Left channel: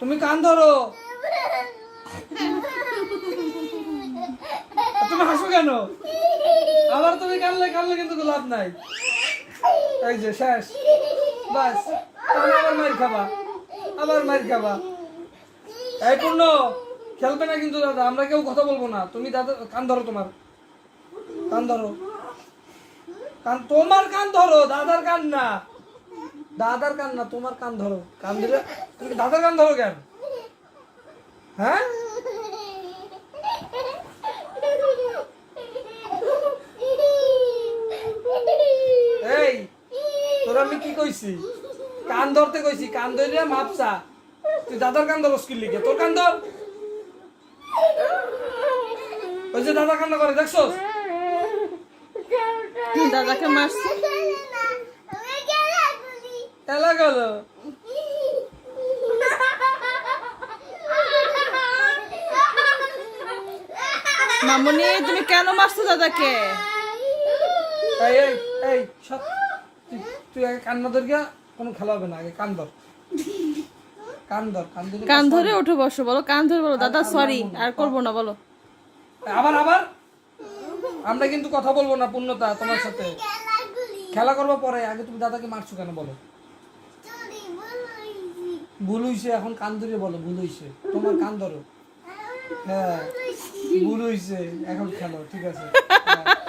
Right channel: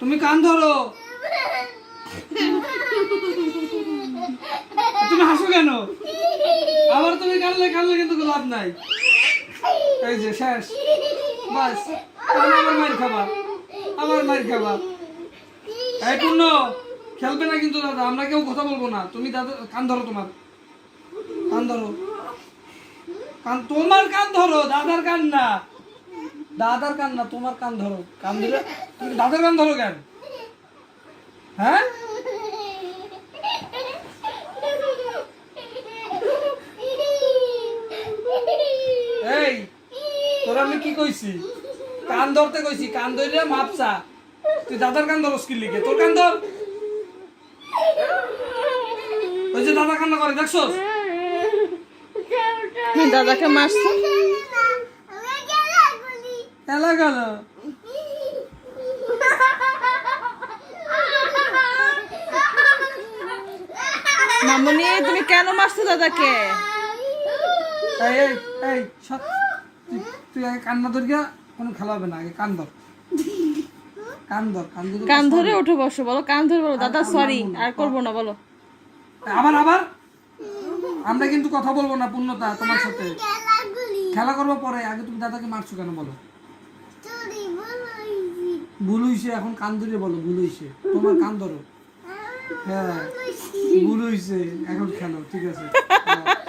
তুমি কান ধরো। তুমি হাসো কেন? আবার তুমি কানলে কানলে কিন্তু লাভ নাই। এই যে, শেষ। বাস আবার মার খাবা আবার মার খাবা এই পূর্ণ, খেলবে না কিন্তু দাদা, আমরা কেউ কথা বলব না। তুমি দাদা, কান ধরো তোমার। কান ধরো। কান, তোমার কান ধরো, দাদার কান না। দাদার কান না, তোমার কান ধরো। কান দিলে তুমি দাদার কান ধরো কেন? হ্যাঁ? এই, তোর আমি কি কইছি? কান ধরতে কইছি, কান ধরে মাপসা তুই দাদার কান ধরস কি লিখে তোর কান ধর। ওই যে দাদা কান্না করে, দেখছস? দাদাকে মারছে। এলা গেল। মামুনি তুমি কেন মারছো দাদাকে? এই এই এই সব তুই তুই আগে কান্না ধর গিয়া কোনো খেলা হবে না আগে কান ধর। কান ধর কান ধরে কান ধরে উঠে বসো বলো কান ধরে বলো। দাদা সরি আর করব না বলো। আবার আবার? আমরা কিন্তু কথা বলব না পূর্ণতা তোমার সাথে। খেলা করব পরে আগে তুমি দাদাকে মারছো কেন বলো। ভুল হইছে এখন কান ধরে বলো ভুল হইছে তোমার কান ধরো। হ্যাঁ ভুল হইছে এখন খেলো ঠিক আছে। হ্যাঁ।